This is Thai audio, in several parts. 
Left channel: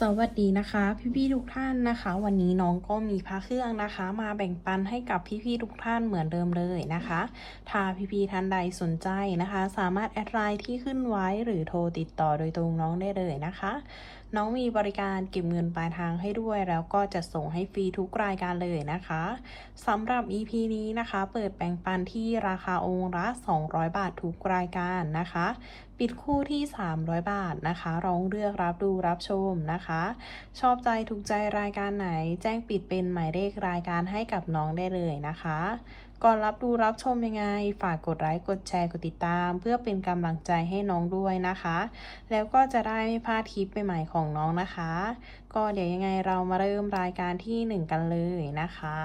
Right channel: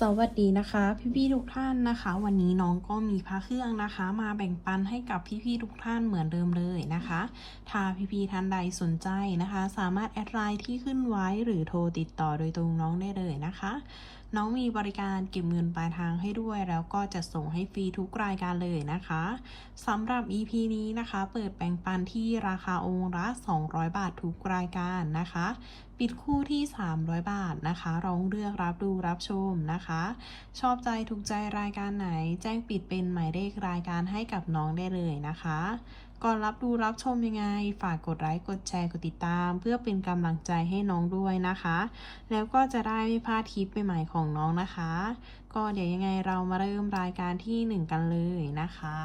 สวัสดีนะคะ พี่ๆทุกท่านนะคะ วันนี้น้องก็มีพระเครื่องนะคะ มาแบ่งปันให้กับพี่ๆทุกท่านเหมือนเดิมเลยนะคะ ถ้าพี่ๆท่านใดสนใจนะคะ สามารถแอดไลน์ที่ขึ้นไว้หรือโทรติดต่อโดยตรงน้องได้เลยนะคะ น้องมีบริการเก็บเงินปลายทางให้ด้วย แล้วก็จะส่งให้ฟรีทุกรายการเลยนะคะสำหรับ EP นี้นะคะ เปิดแบ่งปันที่ราคาองค์ละ200 บาททุกรายการนะคะ ปิดคู่ที่ 300 บาทนะคะลองเลือกรับดูรับชมนะคะ ชอบใจถูกใจรายการไหน แจ้งปิดเป็นหมายเลขรายการให้กับน้องได้เลยนะคะ ก่อนรับดูรับชมยังไง ฝากกดไลค์กดแชร์กดติดตาม เพื่อเป็นกำลังใจให้น้องด้วยนะคะ แล้วก็จะได้ไม่พลาดคลิปใหม่ๆของน้องนะคะ ก็เดี๋ยวยังไงเรามาเริ่มรายการที่ 1 กันเลยนะคะ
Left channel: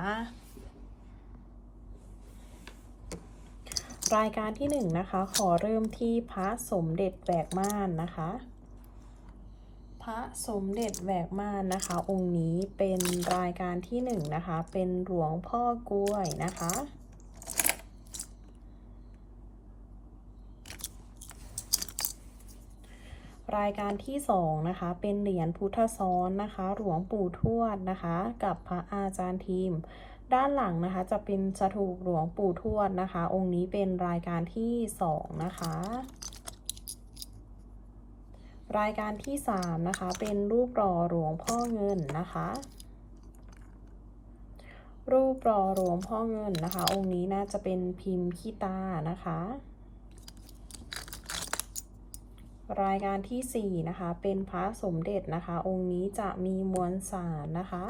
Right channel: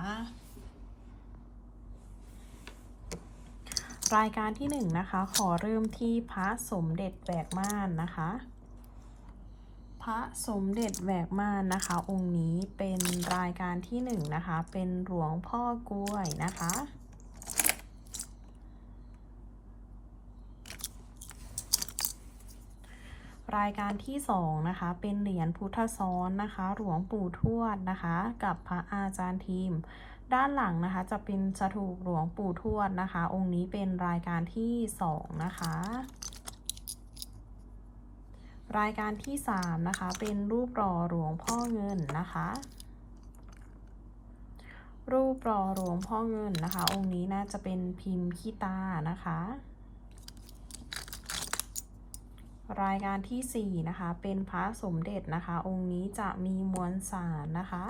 รายการที่1นะคะ ขอเริ่มที่พระสมเด็จแหวกม่านนะคะ พระสมเด็จแหวกม่านนะคะ องค์นี้เป็นรายการที่หนึ่งนะคะ เป็นหลวงพ่อกล้วยนะคะ รายการที่สองนะคะ เป็นเหรียญพุทธซ้อนนะคะ หลวงปู่ทวดนะคะ กับพระอาจารย์ทีม ด้านหลังนะคะจะเป็นสถูปหลวงปู่ทวดนะคะ องค์นี้เป็นรายการที่สองนะคะ รายการที่สามนะคะ เป็นรูปหล่อหลวงพ่อเงินนะคะ รูปหล่อหลวงพ่อเงินนะคะ องค์นี้น่าจะเป็นพิมพ์ขี้ตานะคะ รายการที่สี่นะคะ เป็นพระสมเด็จนะคะ องค์นี้จะมีมวลสารนะคะ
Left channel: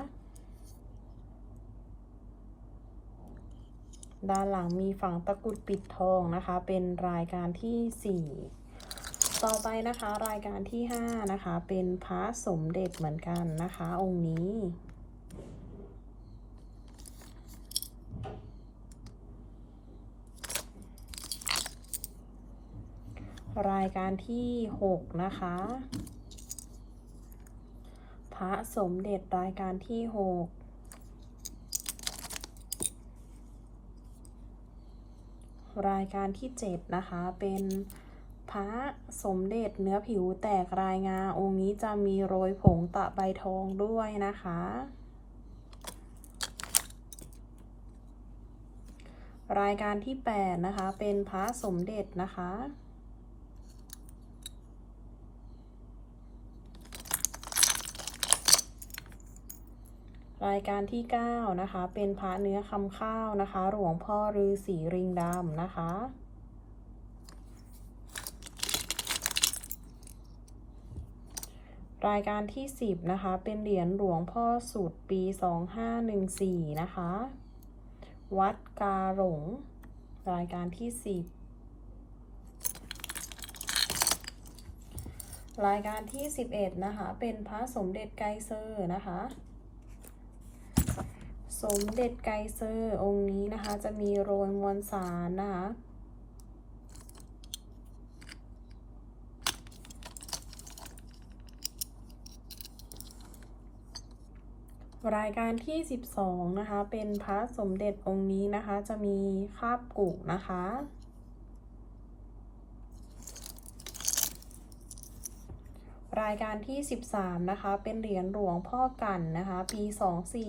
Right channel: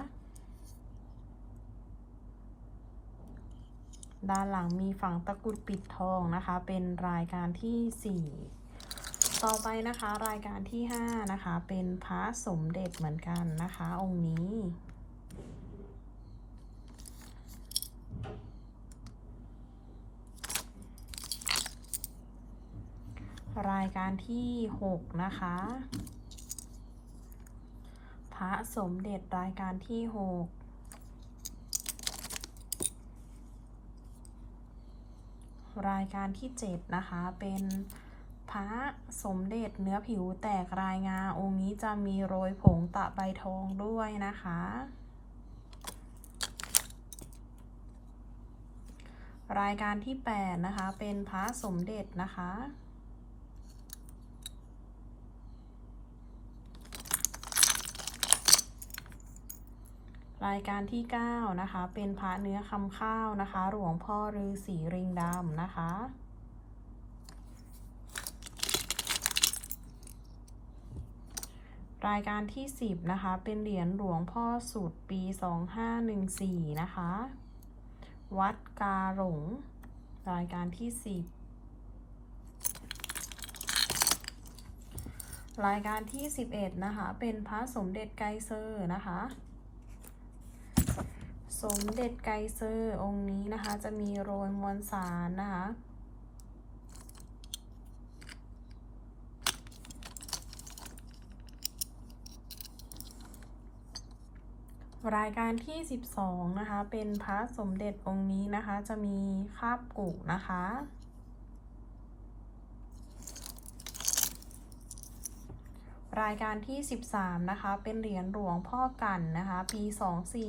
ด้านหลังมีฝั่งตะกุดปิดทองนะคะ เป็นรายการที่ 4 ต่อไปนะคะ รายการที่ 5 นะคะ เป็นพระสมเด็จเหมือนกันนะคะ องค์นี้รายการที่ 6 นะคะ พระสมเด็จรายการที่ 6 รายการที่เจ็ดนะคะ เป็นพระสมเด็จเนื้อผิวแตกรายงา องค์นี้จะมีโรยผงตะใบทองด้วยนะคะ รายการที่แปดนะคะ เป็นพระสมเด็จนะคะ รายการที่ 9 นะคะ เป็นพระเนื้อคำข้าวนะคะ หลวงพ่อฤาษีริงดำนะคะ รายการที่ 10 นะคะ เป็นเหรียญหลวงพ่อสุดปี 2514 นะคะ วัดกาหลง รายการที่ 10รายการที่ 11 นะคะ เป็นพระสมเด็จไกรเซอร์นะคะ สมเด็จไกเซอร์องค์นี้นะคะ จะมีโรยมวลสารนะคะรายการที่ 12 นะคะ เป็นพระสมเด็จองค์นี้นะคะ จะมีคาบกุนะคะ รายการที่ 13 นะคะ เป็นเหรียญหลวงพ่อกันนะคะ ปี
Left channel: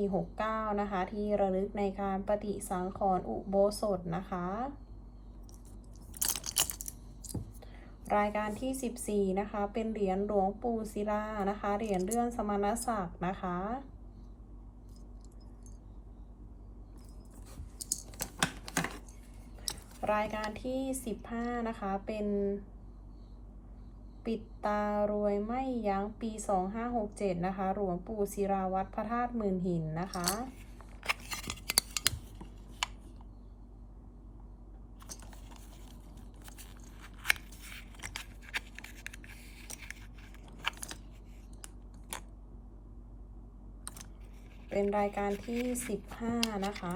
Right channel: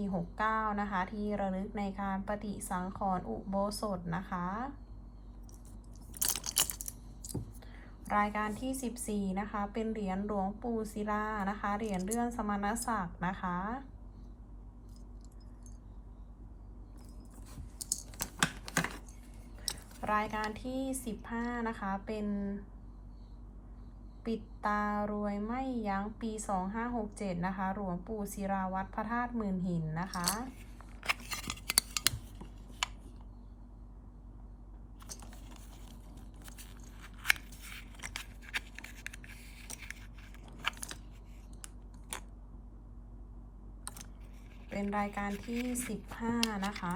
2469 นะคะ ที่ระลึกในการปฏิสังขรณ์อุโบสถนะคะ รายการที่ 14 นะคะ เป็นเหรียญหลวงปู่ศิลานะคะ เหรียญเลื่อนสมณศักดิ์นะคะรายการที่ 15 นะคะ เป็น ปิดตารวยไม่ยั้งปี 2567 นะคะ หลวงปู่ศิราวัตรพระธาตุหมื่นหินนะคะ เป็นรายการที่ 15 นะคะ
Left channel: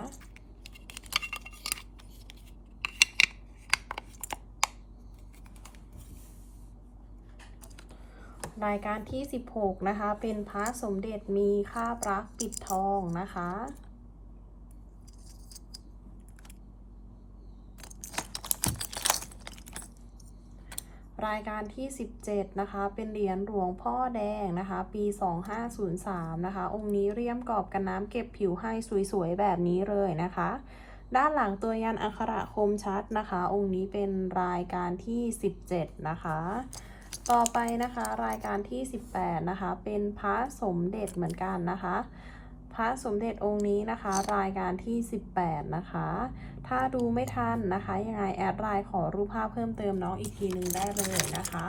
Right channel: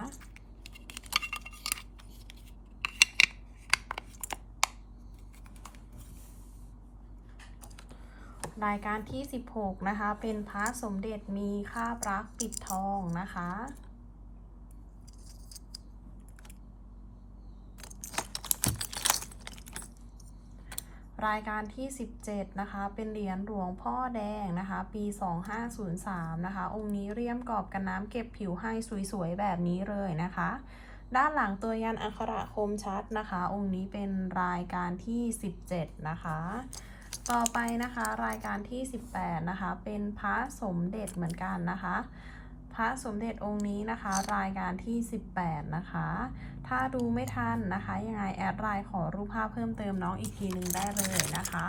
รายการที่ 16 นะคะ เป็นพระสมเด็จมีคาบรักปิดทองนะคะรรายการที่ 17 นะคะ เป็นเหรียญหลวงพ่อแดงนะคะ ปี 2503 นะคะ องค์นี้เรียมกรอบกันน้ำเก็บผิวให้สวยๆ แบบนี้เลยนะคะด้านหลังตัวยันอักขระคมชัดนะคะ องค์นี้เป็นรายการที่ 17 นะคะ ต่อไปนะคะรายการที่ 18 นะคะ เป็นพระสมเด็จเหมือนกันนะคะ พระสมเด็จองค์นี้นะคะ รายการที่ 18 นะคะ ถ้าดูไม่ทันนะคะ ยังไงแอดไลน์ขอรูปภาพเพิ่มเติมน้องอีกทีหนึ่งได้เลยนะคะ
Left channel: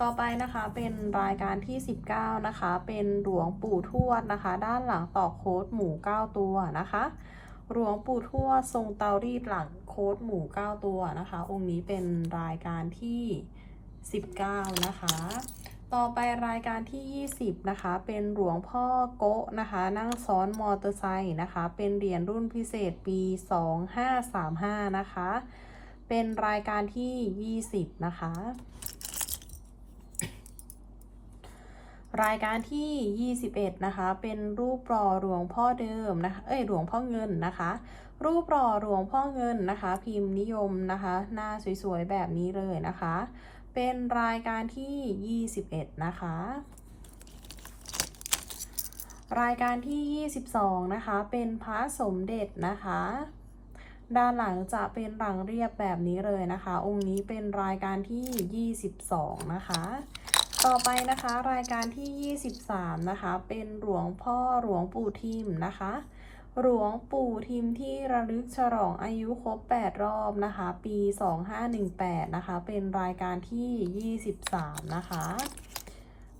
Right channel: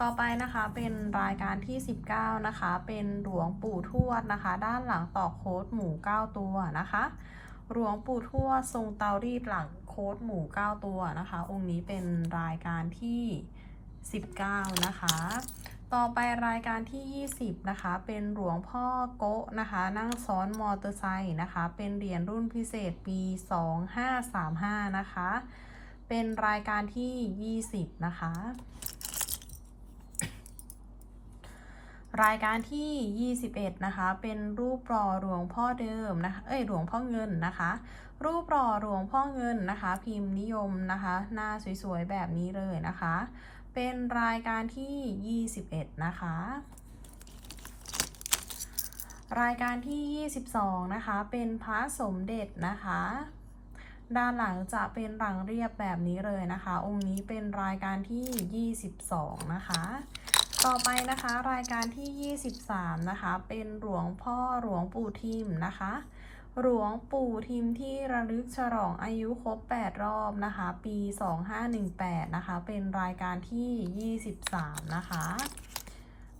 ต่อไปนะคะเป็นรายการที่ 19 นะคะ เป็นหลวงปู่ทวดนะคะ ด้านหลังต่อโค้ดหมู9ตัวนะคะหลวงปู่ทวดทรงเตารีดหลังโค้ดหมู9ตัวนะคะ องค์นี้เป็นรายการที่ 19 นะคะ ต่อไปรายการที่ 20 นะคะ เป็นหลวงพ่อโกะนะคะ นั่งซ้อนมอเตอร์ไซค์นะคะ เป็นเหรียญรุ่นพิเศษปี 2535 นะคะ เป็นรายการที่ 20 นะคะ รายการที่ 21 นะคะ เป็นรูปหล่อหลวงพ่อเดิมนะคะ เอ้ยหลวงพ่อเงินนะคะรูปหล่อหลวงพ่อเงินนะคะ พิมพ์นิยมนะคะ หน้าสวยๆ แบบนี้เลยนะคะ เป็นรายการที่ 21 นะคะ รายการที่ 22 นะคะ เป็นพระสมเด็จนะคะ ด้านหลังจะเป็นหลังเรียบแบบนี้เลยนะคะ องค์นี้เป็นรายการที่ 22 นะคะ ต่อไปนะคะรายการที่ 23 นะคะ เป็นหลวงพ่อหลวงปู่ทิมนะคะ หลวงปู่ทิมที่ระลึกฉลองอายุครบ 8 รอบนะคะ ปี 2518 นะคะ เป็นรายการที่ 23 นะคะ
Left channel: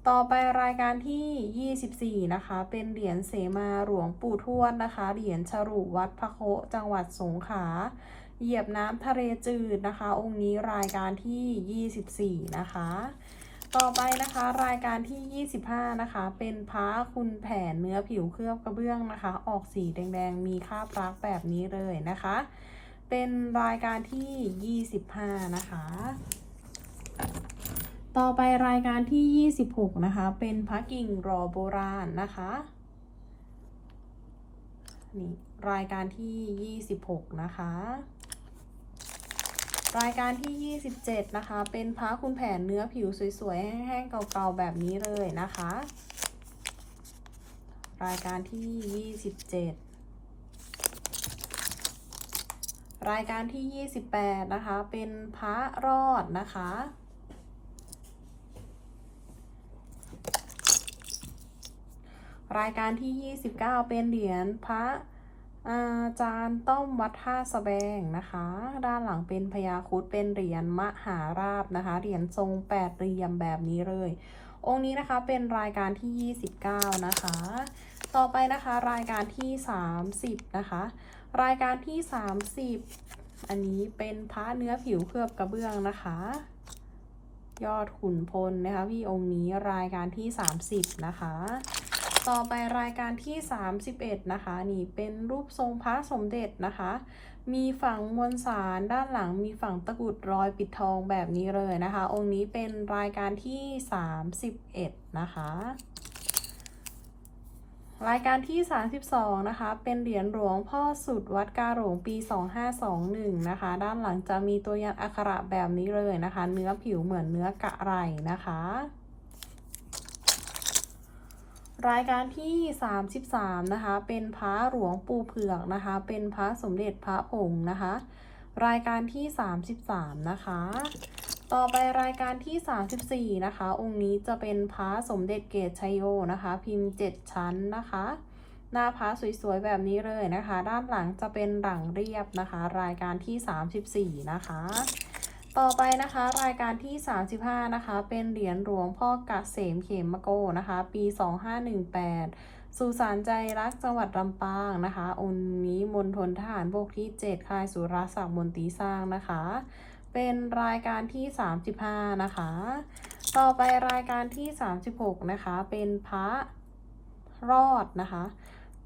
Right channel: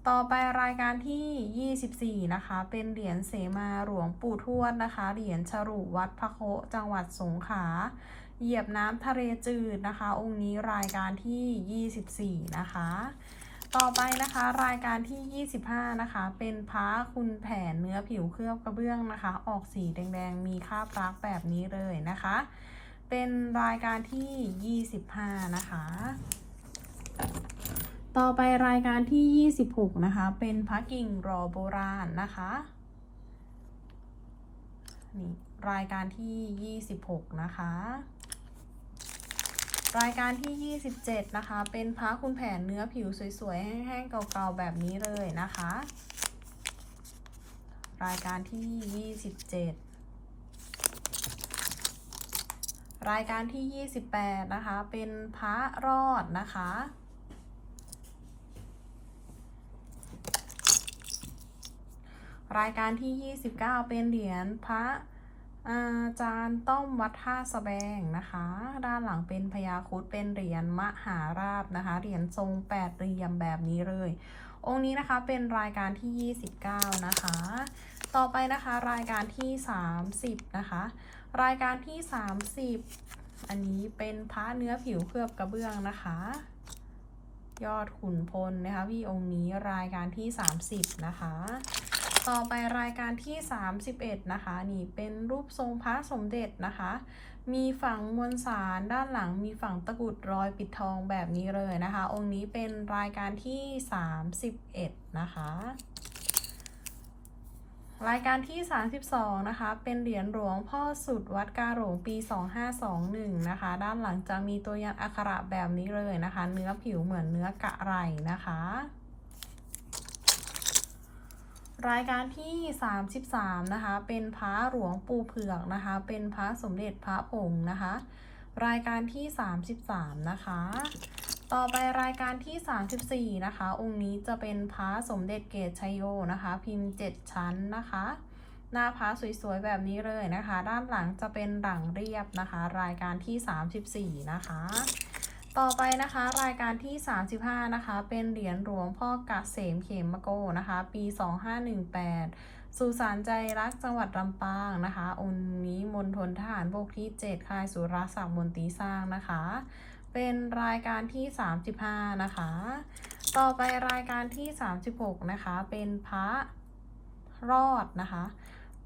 ต่อไปรายการที่ 24 นะคะ เป็นเหรียญเสมาหลวงปู่ทวดนะคะ เหรียญฉรุวัดพระโคจังหวัดสงขลา เหยียบน้ำทะเลจืดนะคะ องค์นี้รายการที่ 24 นะคะ ต่อไปนะคะรายการที่ 25 นะคะ เป็นพระคุณแผนเนื้อผิวเคลือบกระเบื้องนะคะ ออกสีแดงๆ มีคาบรักแบบนี้เลยนะคะ เป็นรายการที่ 25 นะคะ ต่อไปรายการที่ 26 นะคะ เป็นพระกิ่งรอโบราณนะคะนี่รายการที่ 26 นะคะ รายการที่ 27 นะคะ เป็นพระคุณแผนเนื้อผิวสวยๆ แห้งๆ เก่าๆ แบบนี้เลยนะคะ รายการที่ 27 รายการที่ 28 นะคะ เป็นพระรอดนะคะ รายการที่ 29 เป็นเหรียญพระ อาจารย์ต้อมวัดท่าสะแบงนะคะ ด้านหลังเป็นพญาคุดเป็นเหรียญมหาราบนะคะ เหรียญทรงแปดเหลี่ยมแบบนี้เลย องค์นี้นะคะเป็นรายการที่ 29 นะคะ ต่อไปนะคะรายการที่ 30 นะคะ รายการที่ 30 อันนี้เป็นพระเนื้อผิวเคลือบกระเบื้องนะคะ ยอดขุนพลนะคะพี่องค์นี้รายการที่ 30 นะคะ ต่อไปรายการที่ 31 นะคะ นี่เป็นรูปทรงพระสมเด็จนะคะ มีฝั่งมวลสารด้านหลังมีฝั่งตะกุดรอยปิดทองแบบนี้เลยนะคะ องค์นี้เป็นรายการที่ 31 นะคะรายการที่ 32 นะคะ เป็นเหรียญหลวงพ่อสุดวัดกาหลงปี 2521 นะคะ ด้านหลังจะมีตัวยันอักขระแบบนี้เลยนะคะ เนื้อผิวเหมือนเนื้อกะไรนะคะ รายการที่ 33 นะคะ เป็นพระหลวงปู่เผือกนะคะ เป็นพระสมเด็จพระผงนะคะ รายการที่ 33 นะคะ ต่อไปรายการที่ 34 นะคะ องค์นี้จะเป็นพระสมเด็จเกตชัยโยนะคะ พิมพ์ 7 ชั้นนะคะ หน้าพระสวยๆ แบบนี้เลยนะคะ ด้านหลังจะเป็นหลังเรียบนะคะ รายการที่ 34 นะคะ ต่อไปนะคะรายการที่ 35 นะคะ เป็นเหรียญหลวงพ่อกเกษมเขมโกนะคะ ปี 2518 สุสานใจรักจังหวัดลำปางนะคะ องค์นี้มณฑลทหารบกที่ 7 ค่ายสุรศักดิ์มนตรีสร้างนะคะ เป็นรายการที่ 35 นะคะ ต่อไปรายการที่ 36 นะคะ เป็นพระรอดนะคะ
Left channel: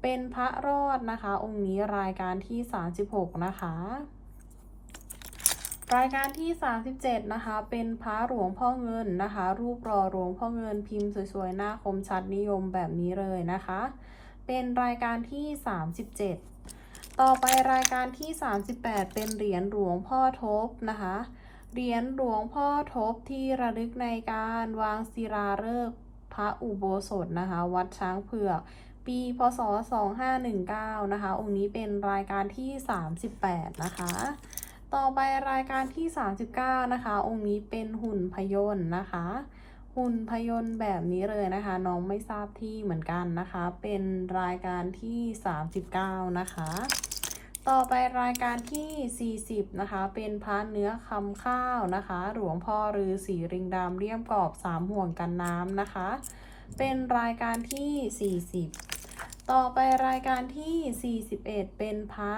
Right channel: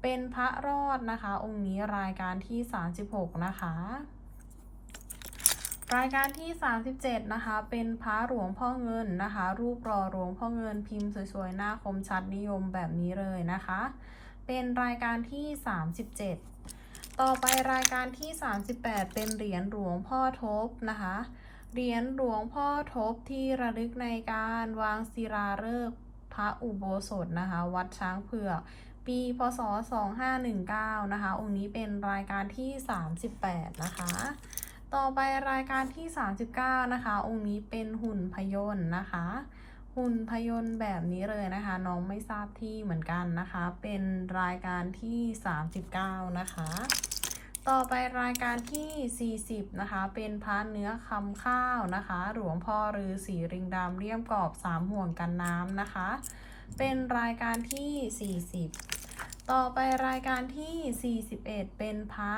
เป็นพระรอดนะคะ องค์นี้รายการที่ 36 นะคะ รายการที่ 37 นะคะ เป็นพระหลวงพ่อเงินนะคะ รูปรอหลวงพ่อเงินพิมพ์สวยๆ หน้าคมชัดนิยมแบบนี้เลยนะคะ เป็นรายการที่ 37 ต่อไปรายการที่ 38 เป็นเหรียญหลวงพ่อทบนะคะ เหรียญหลวงพ่อทบที่ระลึกในการวางศิลาฤกษ์พระอุโบสถนะคะ วัดช้างเผือก ปีพศ 2519 นะคะ องค์นี้เป็นรายการที่ 38 นะคะ ต่อไปรายการที่ 39 นะคะ องค์นี้เป็นหุ่นพยนต์นะคะ หุ่นพยนต์แบบนี้เลยนะคะ น้องไม่ทราบที่เหมือนกันนะคะ เป็นรายการที่ 39 นะคะ ต่อไปรายการที่ 40 นะคะ เป็นพระเนื้อคำข้าวนะคะ หลวงพ่อฤาษีริงดำเลี่ยมกรอบสามห่วงกันน้ำนะคะ เป็นรายการที่ 40 ต่อไปรายการที่ 41 เป็นพระ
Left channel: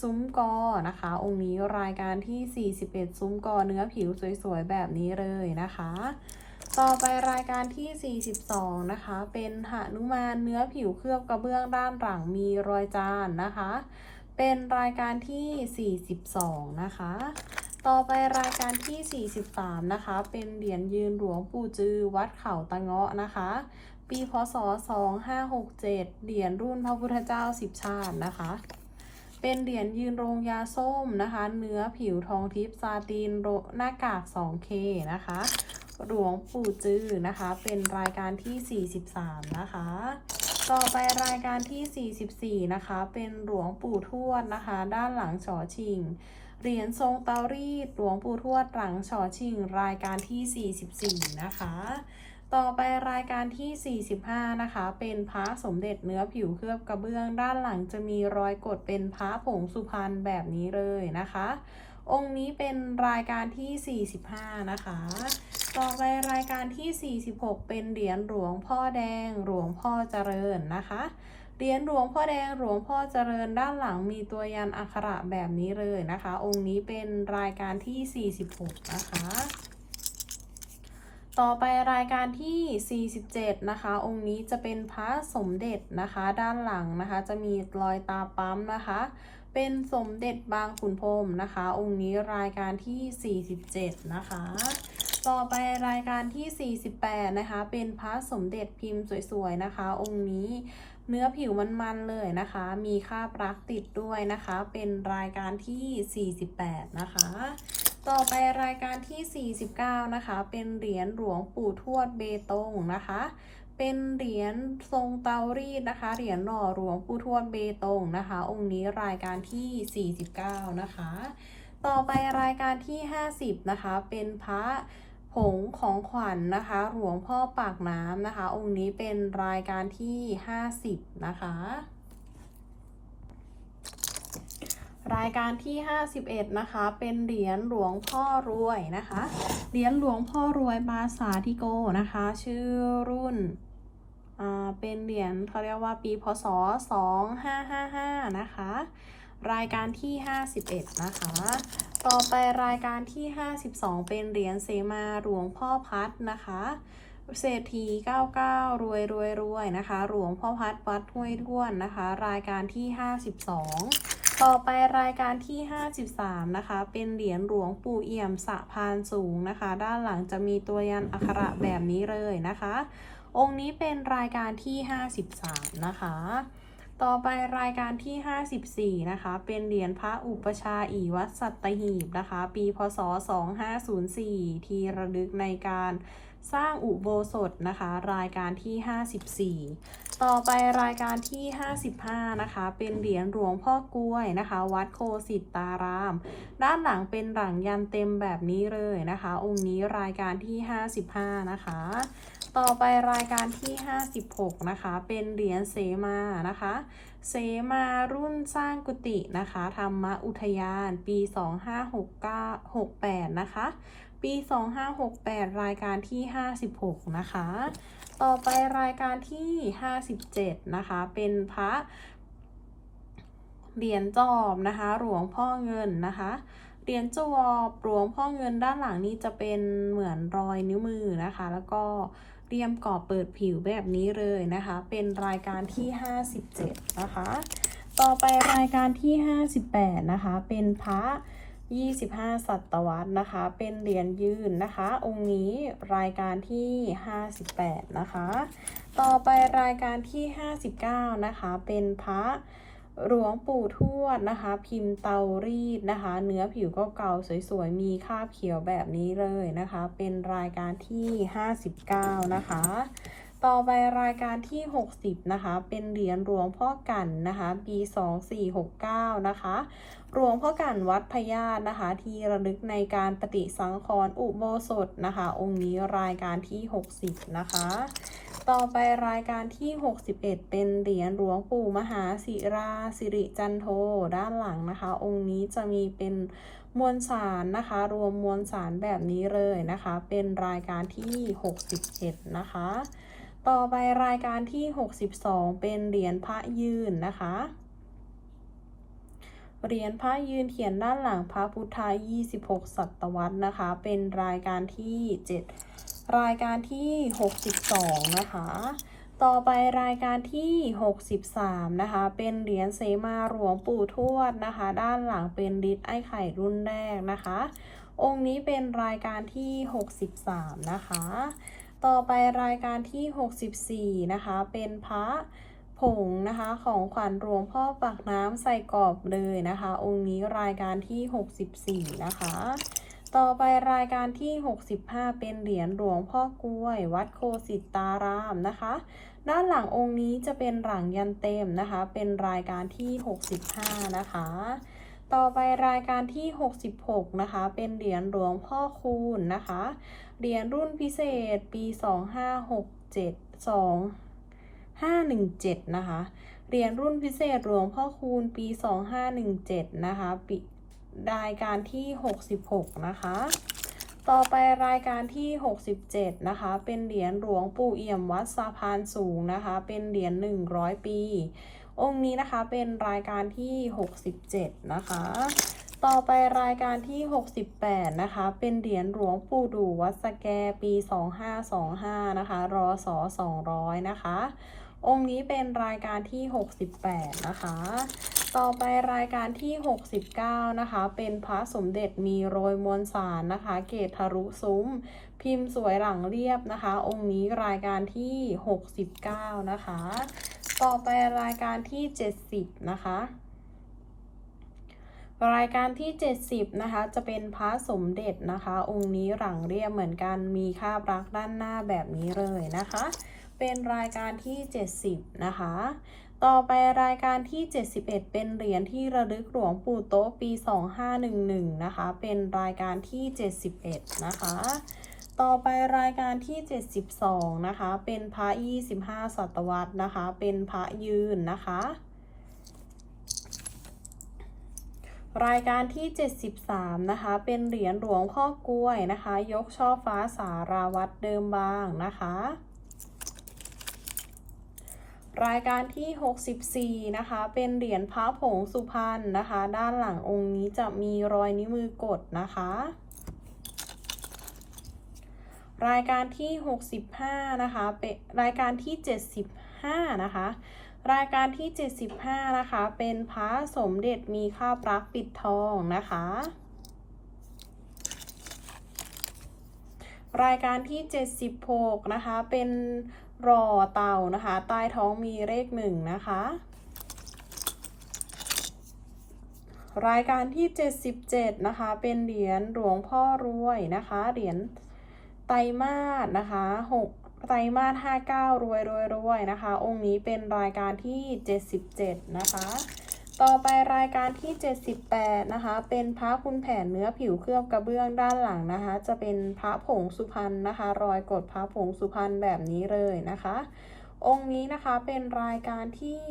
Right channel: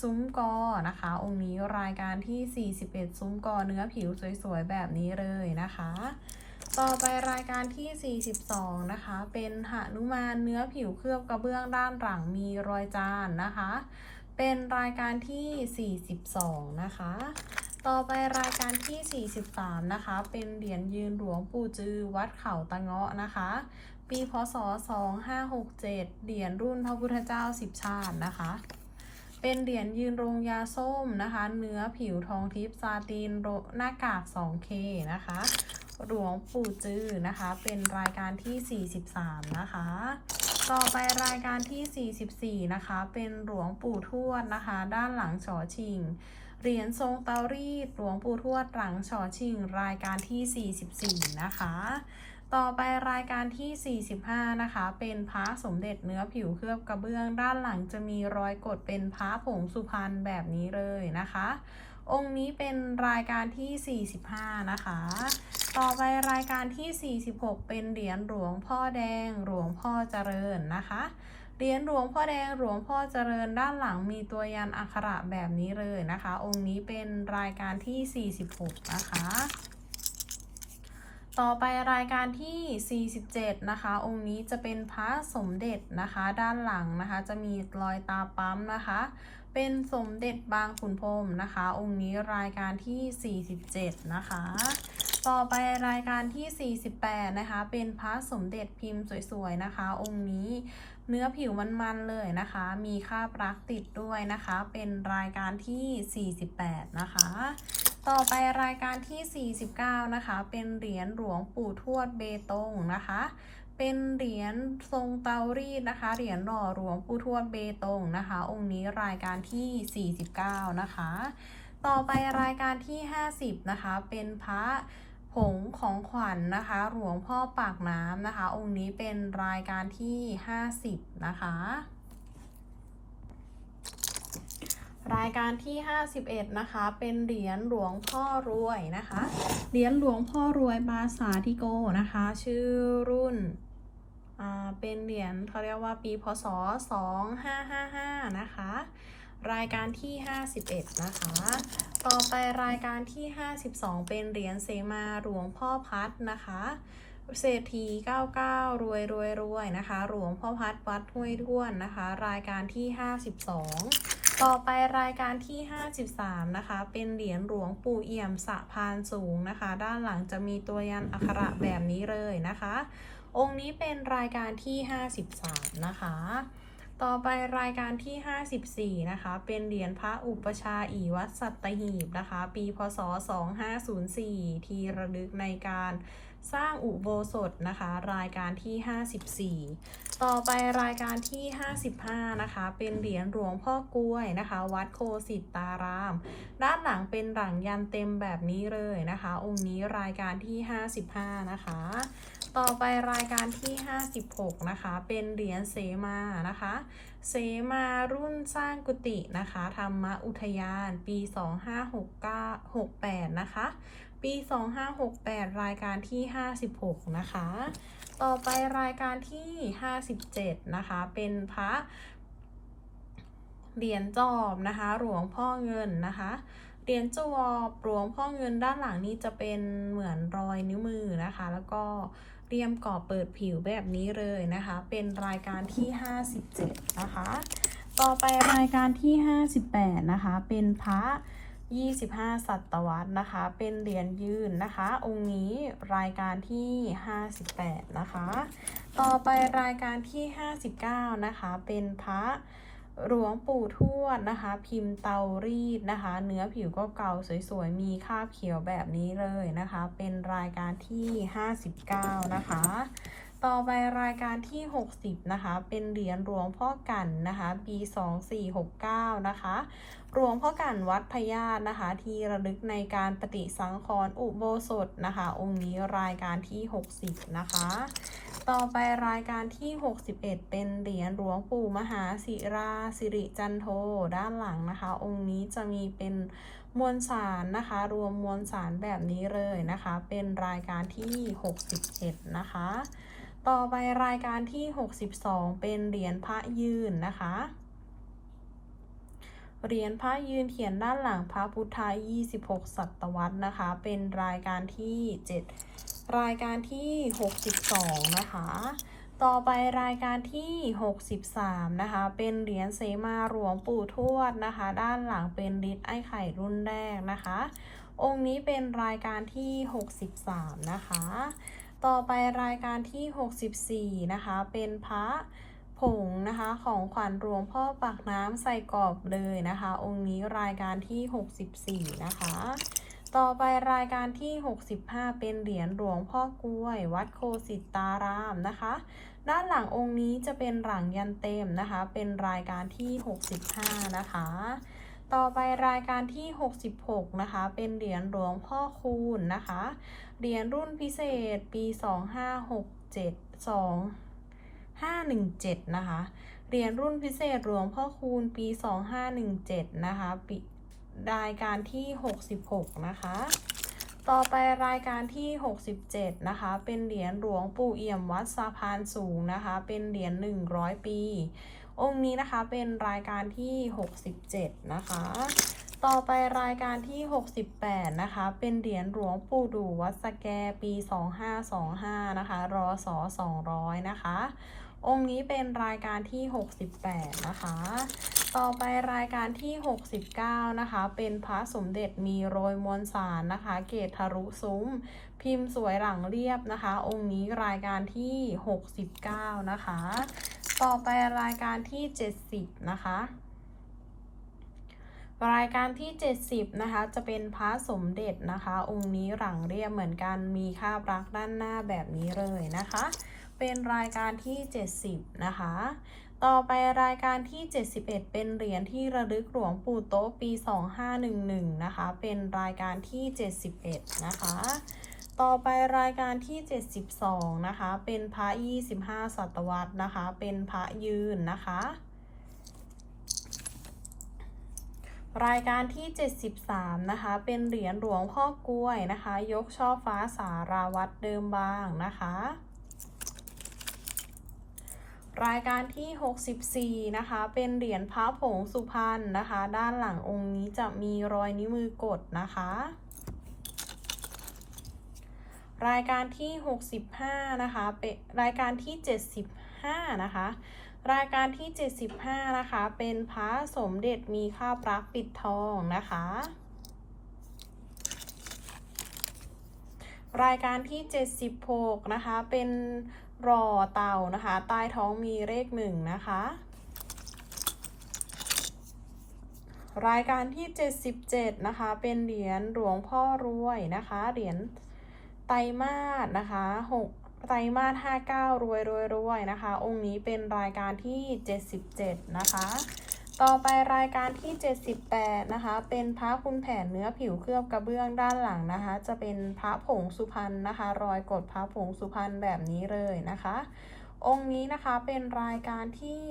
ซุ้มกอนะคะ องค์นี้รายการที่ 41 ซุ้มกอเนื้อผิวสวยๆ แบบนี้เลยนะคะ ต่อไปรายการที่ 42 นะคะ เป็นหนุมานเนื้อผิวเคลือบกระเบื้องด้านหลังมีรอยจานนะคะ เป็นรายการที่ 42 นะคะ ต่อไปรายการที่ 43 นะคะ เป็นเหรียญยืนหลวงปู่จือวัดเขาตะเงาะนะคะปีพศ 2567 เหรียญรุ่นพระพุทธเจ้าสิบชาตินะคะ เป็นเหรียญยืนรงยาส้มนะคะ เนื้อผิวทองทิพย์ซาตินหน้ากาก 2K นะคะ หลวงปู่จือนะคะ เป็นรายการที่ 43 นะคะ ต่อไปรายการที่ 44 นะคะ เป็นหลวงปู่ทวดนะคะ ด้านหลังฉอชิง เหรียญทรงเตารีดหลวงปู่ทวดหลังฉอชิง รายการที่ 44 นะคะ ต่อไปรายการที่ 45 นะคะ เป็นพระสมเด็จเนื้อผิวเคลือบกระเบื้อง ด้านหลังจะมีรอยกดเป็นพระผงสุพรรณแบบนี้เลยนะคะ องค์นี้เป็นรายการที่ 45 นะคะ ต่อไปรายการที่ 46 เป็นเหรียญหลวงพ่อแดงหลวงพ่อเจริญนะคะเหรียญหลวงพ่อแดงหลวงพ่อเจริญด้านหลังมีตัวยันอักขระแบบนี้เลยนะคะ องค์นี้เป็นรายการที่ 46 นะคะ ต่อไปรายการที่ 47 นะคะ องค์นี้จะเป็นพระสมเด็จนะคะ ด้านหลังนะคะ จะมีรอยตาปั๊มนะคะ เป็นสมเด็จบางขุนพรมนะคะ องค์นี้รายการที่ 47 นะคะ ต่อไปรายการที่ 48 นะคะ เป็นพระสมเด็จพิมพ์สวยๆนะคะ องค์นี้เนื้อผิวมันๆเลยนะคะ มีคราบรักติดด้วยนะคะ เป็นรายการที่ 48 นะคะ ต่อไปรายการที่ 49 นะคะ เป็นเหรียญหลวงปู่ทวดเบตงนะคะ เป็นเหรียญทรงเตารีดนะคะ เหรียญหล่อหลวงปู่ทวดเบตงนะคะ องค์นี้รายการที่ 49 นะคะ ต่อไปรายการที่ 50 นะคะ เป็นพระผงของขวัญนนะคะ หลวงพ่อปากน้ำนะคะ องค์นี้เป็นรายการที่ 50 นะคะ รายการที่ 51 นะคะ เป็นเหรียญหลวงพ่อรวยนะคะ เหรียญหลวงพ่อรวยบาสาธิโกนะคะ ชื่อรุ่น อ่า เป็นเหรียญเขาเรียกว่าปีพศ 2555 นะคะ รายการที่ 51 นะคะ ต่อไปรายการที่ 52 เป็นเหรียญเสมาหลวงพ่อพัดนะคะเศรษฐี99 รวยรวยรวยนะคะ หลวงพ่อพัดวัดห้วยด้วนนะคะ รายการที่ 52 ต่อไปรายการที่ 53 นะคะ เป็นเหรียญหลวงปู่เอี่ยมสะพานสูงนะคะ ด้านหลังจะมีตัวยันอักขระแบบนี้เลยนะคะ องค์นี้เป็นรายการที่ 53 นะคะ ต่อไปรายการที่ 54 นะคะ เป็นเหรียญพระอุปชาอีวัดสัตหีบนะคะ ปีพศ 2504 ที่ระลึกในการ สร้างอุโบสถนะคะ รายการที่ 54 ต่อไปรายการที่ 55 นะคะ เป็นเหรียญหลวงพ่อกล้วยนะคะ วัดโคสิตาราม ด้านหลังเป็นหลังยันเต็มแบบนี้เลยนะคะ องค์นี้รายการที่ 55 นะคะ ต่อไปรายการที่ 56 นะคะ เป็นเหรียญเสมานะคะ เสมารุ่นสร้างกุฏินะคะธรรมอุทยานปี 2569 68นะคะ ปี 2568 รายการที่ 56 นะคะ ต่อไปรายการที่ 57 นะคะ เป็นพระเหรียญจอบนะคะ หลวงพ่อเงินนะคะ เหรียญจอบหลวงพ่อเงินด้านหลังนี้จะเป็นเหมือนรอยนิ้วมือนะคะ แล้วก็เรียมกรอบเปิดผิวแบบนี้เลยนะคะ เป็นรายการที่ 57 นะคะ ต่อไปรายการที่ 58 นะคะ เป็นพระ 25ศตวรรษนะคะ เป็นเหรียญยืนนะคะ องค์นี้รายการที่ 58 นะคะ ต่อไปรายการที่ 59 นะคะ เป็นพระหลวงปู่ทวดนะคะ พิมพ์เตารีดนะคะ เนื้อผิวก็เก่าสวยๆ มีคราบเขียวแบบนี้เลยนะคะ เป็นรายการที่ 59 นะคะ ต่อไปรายการที่ 60 นะคะ เป็นเหรียญหลวงพ่อกันนะคะ ปี2469 นะคะ หลวงพ่อกันวัดพญาตนะคะ ที่ระลึกในการปฏิสังขรณ์อุโบสถนะคะ องค์นี้รายการที่ 60 นะคะ ต่อไปรายการที่ 61 เป็นเหรียญหลวงปู่มหาศิราสิริจันโทด้านหลังนะคะ องค์นี้จะมีเป็นมวลสารนะคะ รวมมวลสารแบบนี้เลยนะคะ เป็นรายการที่ 61 นะคะ ต่อไปรายการที่ 62 เป็นเหรียญพระยืนนะคะ เหรียญพระยืนเขียนด้านหลังพระพุทธา26 ศตวรรษนะคะ เป็นรายการที่ 7 รายการที่ 62 นะคะ ต่อไปรายการที่ 63 นะคะ เป็นเหรียญเสมาหลวงปู่ทวดนะคะ ด้านหลังเป็นดิษไอไข่รุ่นแรกนะคะ องค์นี้เป็นรายการที่ 63 นะคะ ต่อไปรายการที่ 64 นะคะ เป็นพระผงนะคะ ของขวัญหลวงพ่อปากน้ำใส่กรอบเลยนะคะ องค์นี้รายการที่ 64 นะคะ ต่อไปรายการที่ 65 เป็นเหรียญหลวงพ่อกล้วย วัดโคสิตารามนะคะ ด้านหลังองค์นี้จะเป็นหลังยันเต็มนะคะ เป็นรายการที่ 65 นะคะต่อไปรายการที่ 66 นะคะ เป็นเหรียญหลวงพ่อคูณนะคะ เหรียญรุ่นพิเศษปี2567 2517นะคะเหรียญรุ่นพิเศษหลวงพ่อคูณปี2517นะคะปีรายการที่66นะคะ ต่อไปรายการที่67นะคะ เป็นเหรียญหลวงปู่เอี่ยมวัดสะพานสูงนะคะ เป็นเหรียญ100ปี องค์นี้นะคะเป็นรายการที่67นะคะ ต่อไปรายการที่ 68 นะคะ เป็นเหรียญหลวงปู่ดูวัดสแกปี 2525 นะคะ รอสอ200 นะคะ องค์นี้เป็นรายการที่ 68 นะคะ ต่อไปรายการที่ 69 นะคะ เป็นพระสมเด็จมีโรยมวลสารนะคะ เกตทะลุซุ้ม พิมพ์สวยหลังเรียบนะคะ องค์นี้รายการที่ 69 นะคะ ต่อไปรายการที่ 70 นะคะ รายการที่ 70 นะคะ จะเป็นพระสมเด็จนะคะ องค์นี้หลังเรียบเหมือนกันมีคาบรักด้านหน้าแบบนี้เลยนะคะ เป็นรายการที่ 70 นะคะ ต่อไปรายการที่ 71 เป็นเหรียญที่ระลึกหลวงปู่โต๊ะปี 2511 นะคะ เป็นรายการที่ 71 นะคะ ต่อไปรายการที่ 72 นะคะ เป็นพระ25 ศตวรรษนะคะ เป็นพระยืนนะคะ รายการที่ 73 นะคะ เป็นเหรียญหลวงพ่อกล้วยนะคะ ยกช่อฟ้าสาราวัดเดิมบางนะคะ รายการที่ 64 นะคะ เป็นเหรียญพระผงสุพรรณนะคะ ด้านหลังองค์นี้จะมีรอยนิ้วมือกดนะคะ รายการที่ 65 นะคะ เป็นรายการที่ 75 นะคะ รายการที่ 75 นะคะ เป็นพระสมเด็จมีข้าวปลักปิดทองนะคะ รายการที่ 76 นะคะ เป็นรอเต่านะคะ ใต้ท้องมีเลขหนึ่งนะคะ รายการที่ 77 นะคะ เป็นเหรียญหลวงพ่อรวยนะคะ เหรียญไตรมาสนะคะ 6 ไตรมาส59 รวยรวยรวยนะคะ องค์นี้เป็นรายการที่ 77 นะคะ ต่อไปรายการที่ 78 นะคะ เป็นพระคุณแผนเนื้อผิวเคลือบกระเบื้องด้านหลังนะคะ จะเป็นพระผงสุพรรณนะคะ รอยกดพระผงสุพรรณแบบนี้เลยนะคะ องค์นี้นะคะเป็นรายการที่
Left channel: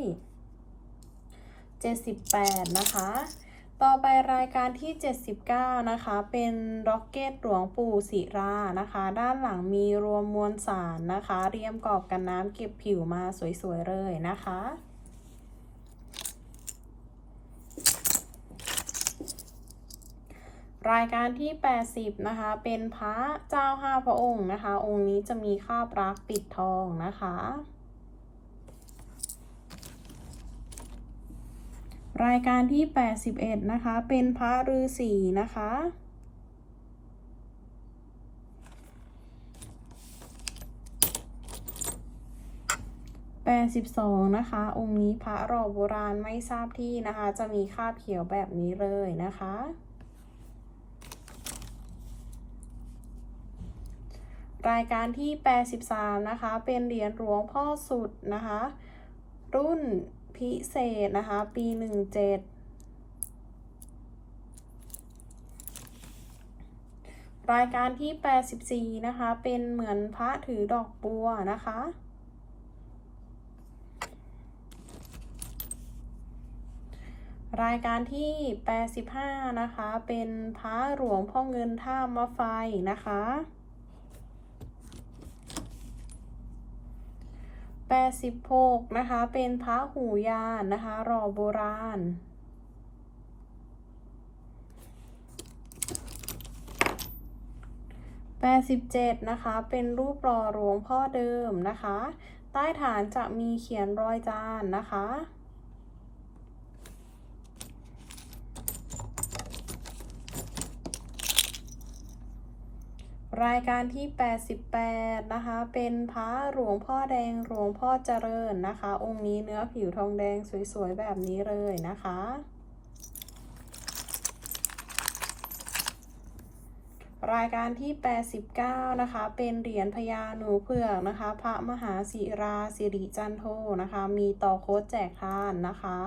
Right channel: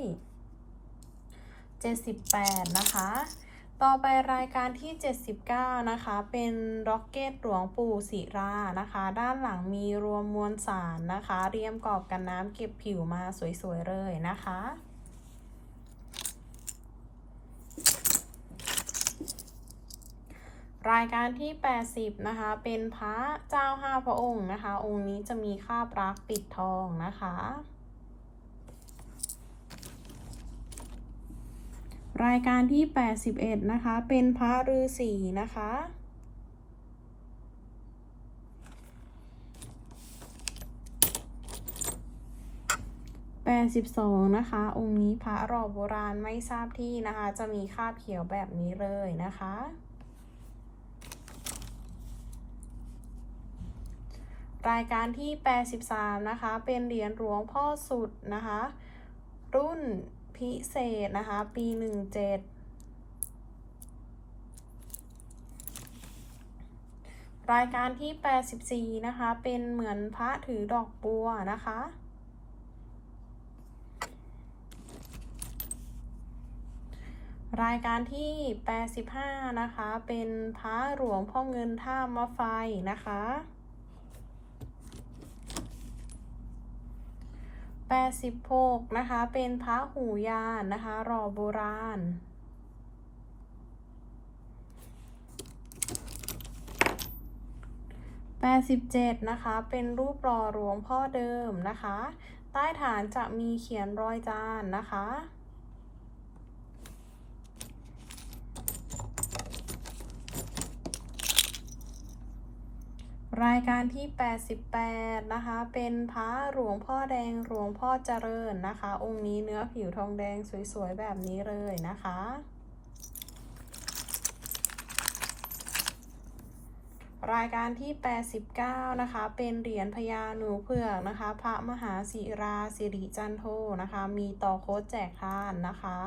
78 นะคะ ต่อไปรายการที่ 79 นะคะ เป็นร็อกเก็ตหลวงปู่ศิรานะคะ ด้านหลังมีรวมมวลสารนะคะ เรียมกรอบกันน้ำเก็บผิวมาสวย ๆ เลยนะคะรายการที่ 80 นะคะ เป็นพระเจ้าห้าพระองค์นะคะ องค์นี้จะมีคาบรักปิดทองนะคะ รายการที่ 81 นะคะ เป็นพระฤาษีนะคะ81 82นะคะ องค์นี้พระหล่อโบราณไม่ทราบที่นะคะ จะมีคาบเขียวแบบนี้เลยนะคะ รายการที่ 83 นะคะ เป็นเหรียญหลวงพ่อสุดนะคะ รุ่น พิเศษนะคะ ปี17รายการที่ 84 นะคะ เป็นเหมือนพระถือดอกบัวนะคะ รายการที่ 85 นะคะ เป็นพระหลวงพ่อเงินท่ามะไฟนะคะ 86 นะคะ เป็นพระหูยานนะคะรลอโบราณ 87 นะคะ เป็นรูปรลอหลวงพ่อเดิมนะคะ ใต้ฐานจะมีเขียนรอยจานนะคะ รายการที่ 88 นะคะ เป็นพระหลวงพ่อแดงหลวงพ่อเจริญนะคะ องค์นี้เนื้อผิวทองแดงสวยๆ แบบนี้เลยนะคะ รายการที่ 89 นะคะ เป็นเหรียญพญาหนูเผือกนะคะ พระมหาศิราสิริจันโทนะคะ มีต่อโค้ดแจกทานนะคะ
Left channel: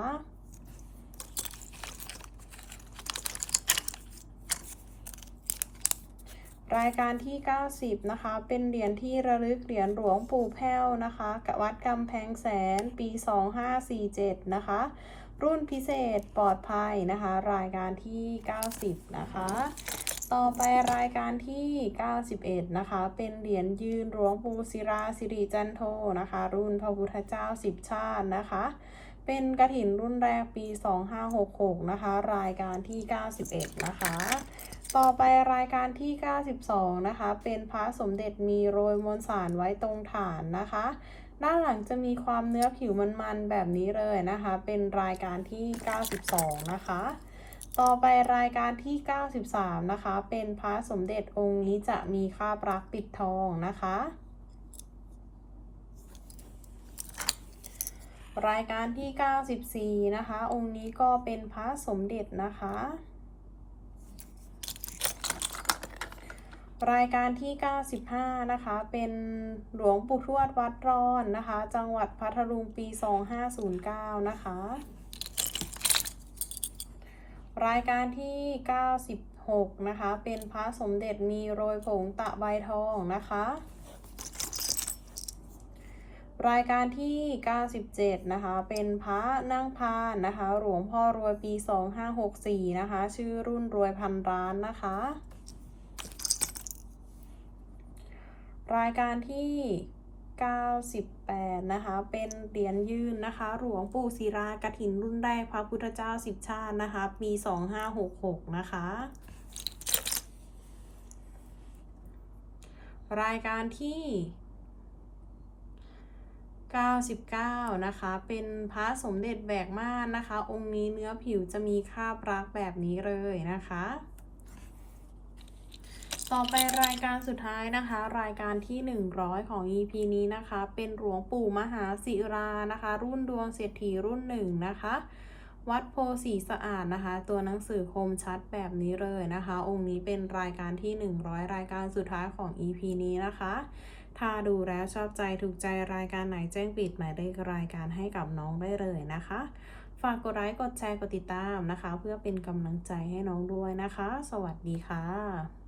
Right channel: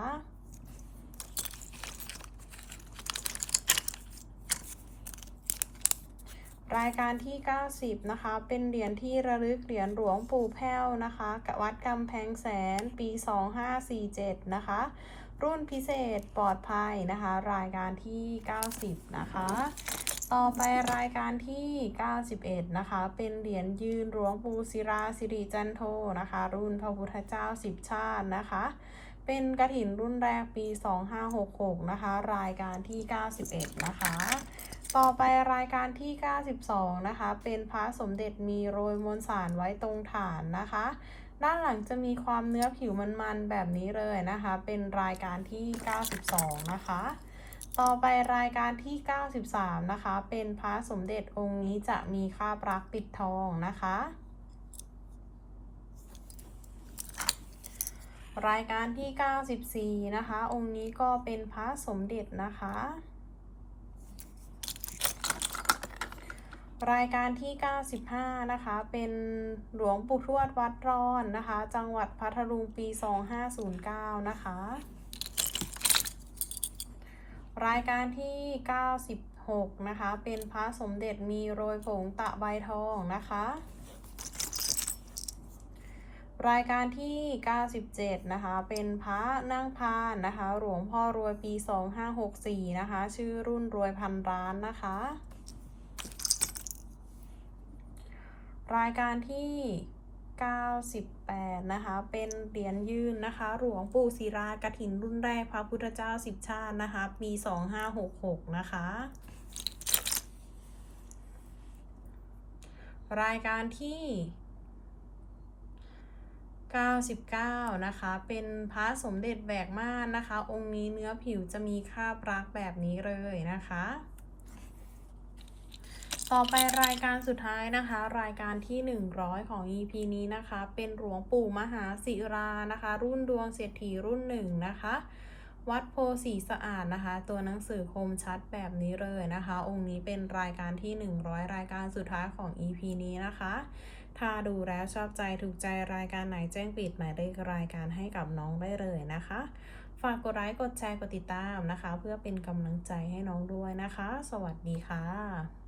รายการที่ 90 นะคะ เป็นเหรียญที่ระลึกเหรียญหลวงปู่แพ้วนะคะกวัดกำแพงแสนปี 2547 นะคะ รุ่นพิเศษปลอดภัยนะคะ รายการที่ 90 นะคะ ต่อไปรายการที่ 91 นะคะ เป็นเหรียญยืนหลวงปู่ศิราสิริจันโทนะคะ รุ่นพระพุทธเจ้าสิบชาตินะคะ เป็นกระถินรุ่นแรกปี 2566 นะคะ รายการที่ 91 นะคะ ต่อไปรายการที่ 92 นะคะ เป็นพระสมเด็จมีโรยมวลสารไว้ตรงฐานนะคะ ด้านหลังจะมีความเนื้อผิวมันๆแบบนี้เลยนะคะ เป็นรายการที่ 92 นะคะ ต่อไปรายการที่ 93 นะคะ เป็นพระสมเด็จองค์นี้จะมีคราบรักปิดทองนะคะ รายการที่ 94 นะคะ องค์นี้ก็เป็นพระสมเด็จนะคะ รายการที่ 95 นะคะ เป็นหลวงปู่ทวดวัดร้อนนะคะ จังหวัดพัทลุงปี 2509 นะคะ รายการที่ 96 นะคะ เป็นพระสมเด็จมีโรยผงตะใบทองนะคะ รายการที่ 97 นะคะ เป็นพระนั่งพานนะคะ หลวงพ่อรวยปี 2564 นะคะ ชื่อรุ่นรวยพันร้านนะคะ รายการที่ 98 นะคะ เป็นเหรียญยืนนะคะ หลวงปู่ศิลากฐินรุ่นแรกพระพุทธเจ้าสิบชาตินะคะ ปี 2566 นะคะ รายการที่ 99 นะคะ เป็นพระสมเด็จแบกม่านนะคะ องค์นี้เนื้อผิวจะมีคราบรักแบบนี้เลยนะคะ ต่อไปรายการสุดท้ายนะคะ รายการที่ 100 ของ EP นี้นะคะ เป็นหลวงปู่มหาศิรานะคะ รุ่นดวงเศรษฐีรุ่นหนึ่งนะคะ วัดโพสีสะอาดนะคะ ตัวหนังสือคมชัดแบบนี้เลยนะคะ องค์นี้เป็นรายการที่ 100 รายการสุดท้ายของ EP นี้นะคะ ถ้าดูแล้วชอบใจถูกใจรายการไหนแจ้งปิดหมายเลขรายการให้กับน้องได้เลยนะคะฝากกดไลค์กดแชร์กดติดตามนะคะ เพื่อเป็นกำลังใจให้น้องด้วยนะคะ สวัสดีค่ะ